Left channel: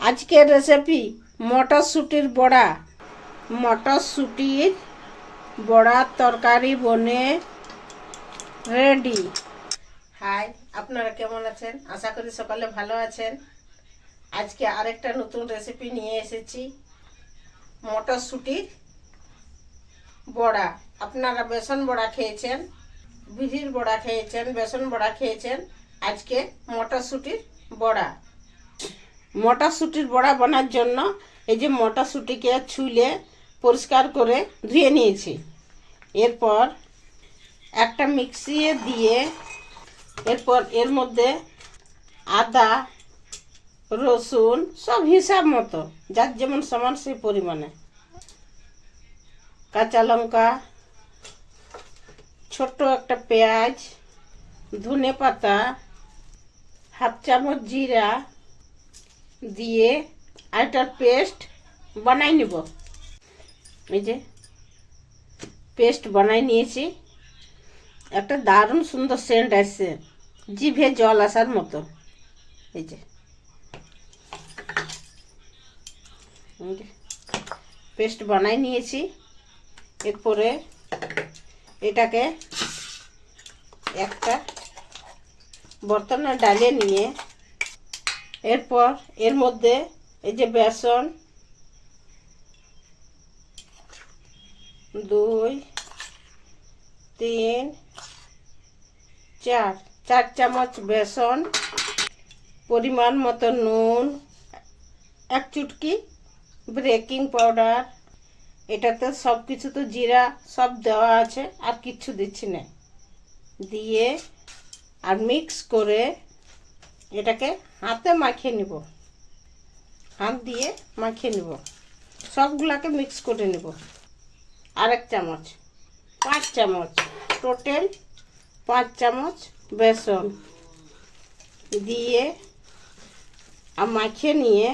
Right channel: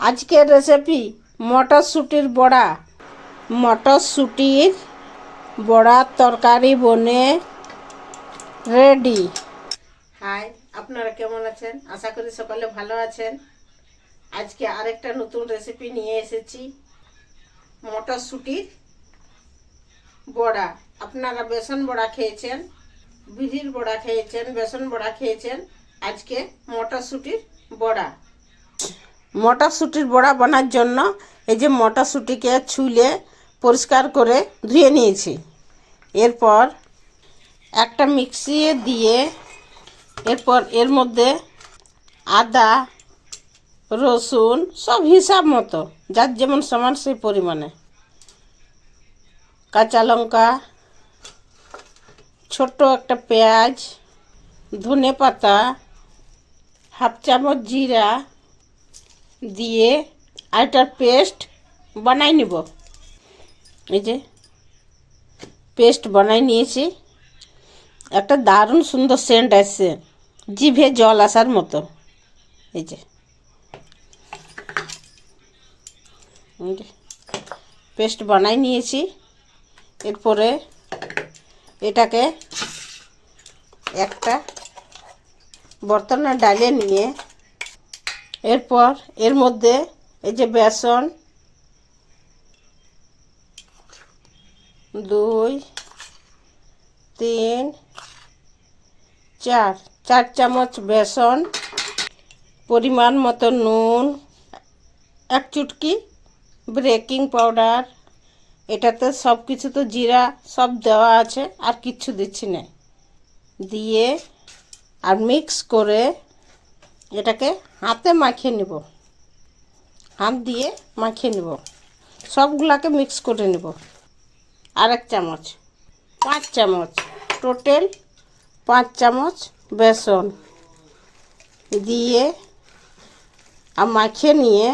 আজকের রেসিপি মটরশুঁটির বড়া। মটরশুঁটির বড়ার তরকারি বনে রেডি হাই আপনারা কেমন আছেন? আশা করি সকালে ভালো আছেন। আজকে আরেকটা নতুন রেসিপি নিয়ে এসেছি, মটরশুঁটির বড়া। আপনারা বেসন বড়া খেয়েছেন বিড়ির বড়া খেয়েছেন, বেসন বড়া খেয়েছেন। আজকে মটরশুঁটির বড়া। মটরশুঁটির বড়া বানার জন্য এই যে মটরশুঁটিকে ছুলে পরিষ্কার করে ধুয়ে নিয়েছি। এরপর একটা মিক্সিয়ে দিয়ে এরপর এর মধ্যে আদা, রসুন সব হিসাব মতো, যার যেমন সমান সেই পরিমাণে। কাঁচা লঙ্কা, ছোট্ট একটা পেঁয়াজ, ধনে পাতা, হাফ চামচ জিরা দিয়ে আরেকটার পেস্ট বানাই নিব। এই যে পেস্ট বানাই নিয়েছি। একটা দারুণ সুন্দর সেন্ট আসছে, জিভে জল আসার মতো। এই যে। পেস্ট বানাই নিয়েছি। এরপরে এটাকে একটা বর্তনে ডালে নিয়ে এরপর এর মধ্যে এই যে বেসন, দুই, তিন, চার চার চামচ বেসন, পরিমাণ মতো নুন, এক চুটকি বেকিং পাউডার, এটাতে সব কিছু তো জিরা সব দেওয়া আছে, আর কিচ্ছু দিচ্ছি না। দিয়ে আর মিক্স করে এটাকে হাতে মাখিয়ে নিব। হাত দিয়ে মাখিয়ে নিব। সবগুলাকে মিক্স করে নিব। আর এক চামচ, পাঁচ চামচ টোটাল পাঁচ চামচ বেসন দিয়ে আর মাখিয়ে নিয়ে,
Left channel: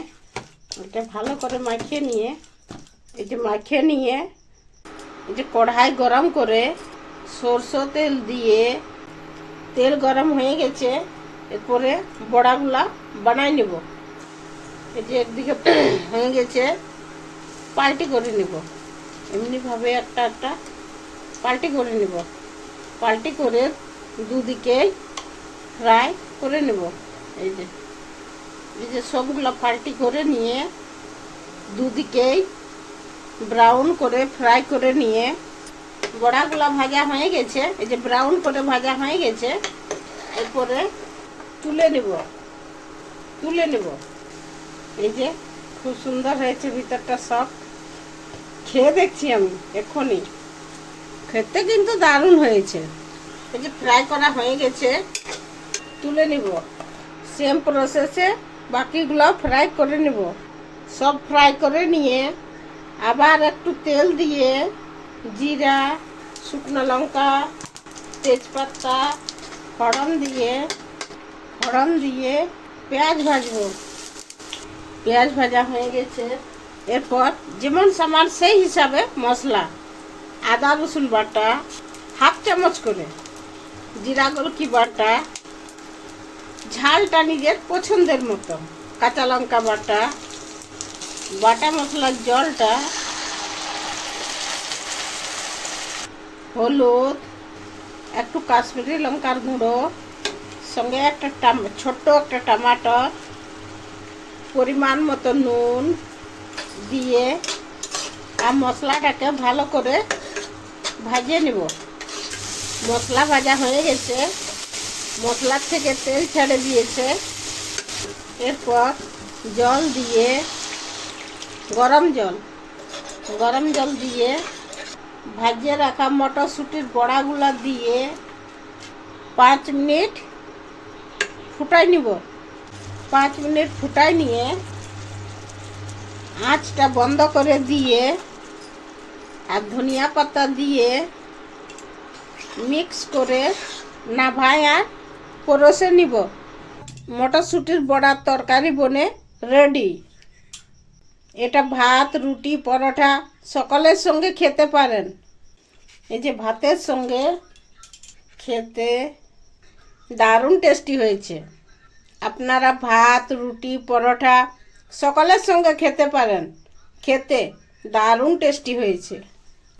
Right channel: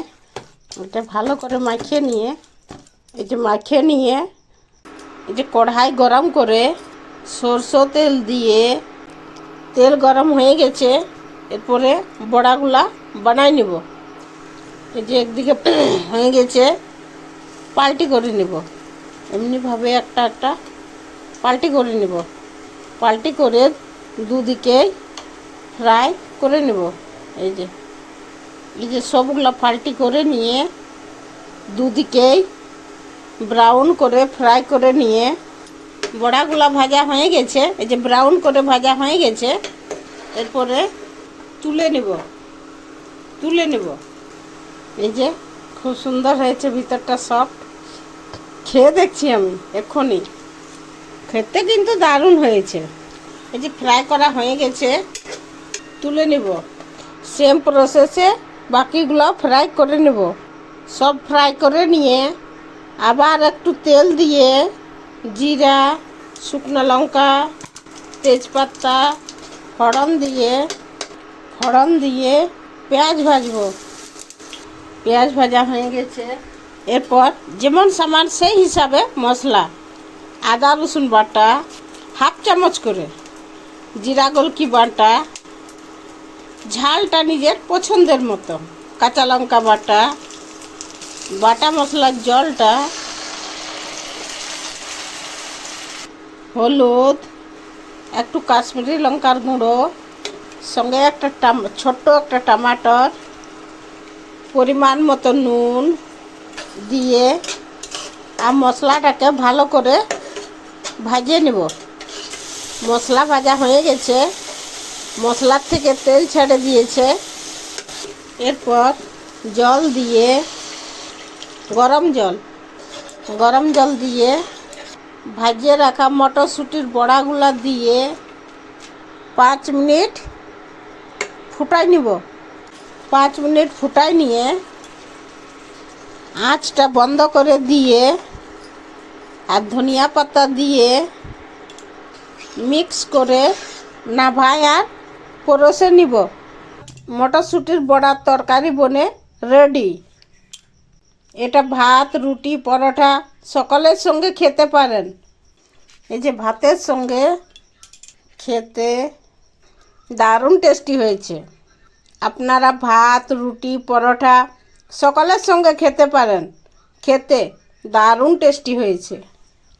ওটা ভালো করে মাখিয়ে নিয়ে, এই যে মাখিয়ে নিয়ে, এই যে কড়াই গরম করে সরষের তেল দিয়ে, তেল গরম হয়ে গেছে এরপরে বড়াগুলা বানাই নিব। এই যে একদিকে হয়ে গেছে, পাল্টি করে নিব। এমনিভাবে একটা একটা পাল্টি করে নিব। পাল্টি করে দুদিকে ফ্রাই করে নেব। এই যে এই যে সবগুলো পাল্টি করে নিয়ে দুদিকেই ব্রাউন করে ফ্রাই করে নিয়ে বড়াগুলা ভাজা হয়ে গেছে। এই যে ব্রাউন করে ভাজা হয়ে গেছে। এরপরে তুলে নিব। তুলে নিব। এই যে খুব সুন্দর হয়েছে ভিতরটা সফট খেয়ে দেখছি আমি, এক্ষুনি। খেতে কিন্তু দারুণ হয়েছে। এই যে ফ্রাই করা হয়ে গেছে, তুলে নিব। সেম প্রসেসে বাকিগুলো ফ্রাই করে নেব। সব ফ্রাই করে নিয়ে আবার একটু তেল দিয়ে জিরা, শুকনো লঙ্কা, তেজপাতা, ফড়ন দিয়ে ফড়ন দিয়ে পেঁয়াজ ভাজবো। পেঁয়াজ ভাজা হয়ে গেছে। এরপর যেমন সামান সেই হিসাবে মশলা, আদা, রসুন বাটা, হাফ চামচ করে জিরা গোলকি বাটা, ঝালটা নিজের পছন্দের মতো, কাঁচা লঙ্কা বাটা বাটা মশলার জলটা, হলুদ, একটু কাশ্মীরি লঙ্কার গুঁড়ো সঙ্গে একটা ছোট্ট একটা টমাটর, পরিমাণ মতো নুন দিয়ে আর মশলাটাকে ভালো করে ভাজিয়ে নেব। মশলা ভাজা হয়ে গেছে। মশলার থেকে তেল ছেড়ে দিয়েছে। এরপর জল দিয়ে, গরম জল গরম জল দিয়ে ভাজিয়ে রাখা মটরশুঁটির বড়াগুলা দিয়ে পাঁচ মিনিট ফুটাই নিব। পাঁচ মিনিট ফুটাই নিয়ে আঁচটা বন্ধ করে দিয়ে আর ধনিয়া পাতা দিয়ে মিক্স করে নাভায় আর পরসে নিব। মটরশুঁটির বড়ার তরকারি বনে রেডি। এটা ভাত, রুটি, পরোটা সকলের সঙ্গে খেতে পারেন। এই যে ভাতের সঙ্গে খেতে দারুণ টেস্টি হয়েছে। আপনারা ভাত, রুটি, পরোটা সকলের সঙ্গে খেতে পারেন। খেতে দারুণ টেস্টি হয়েছে।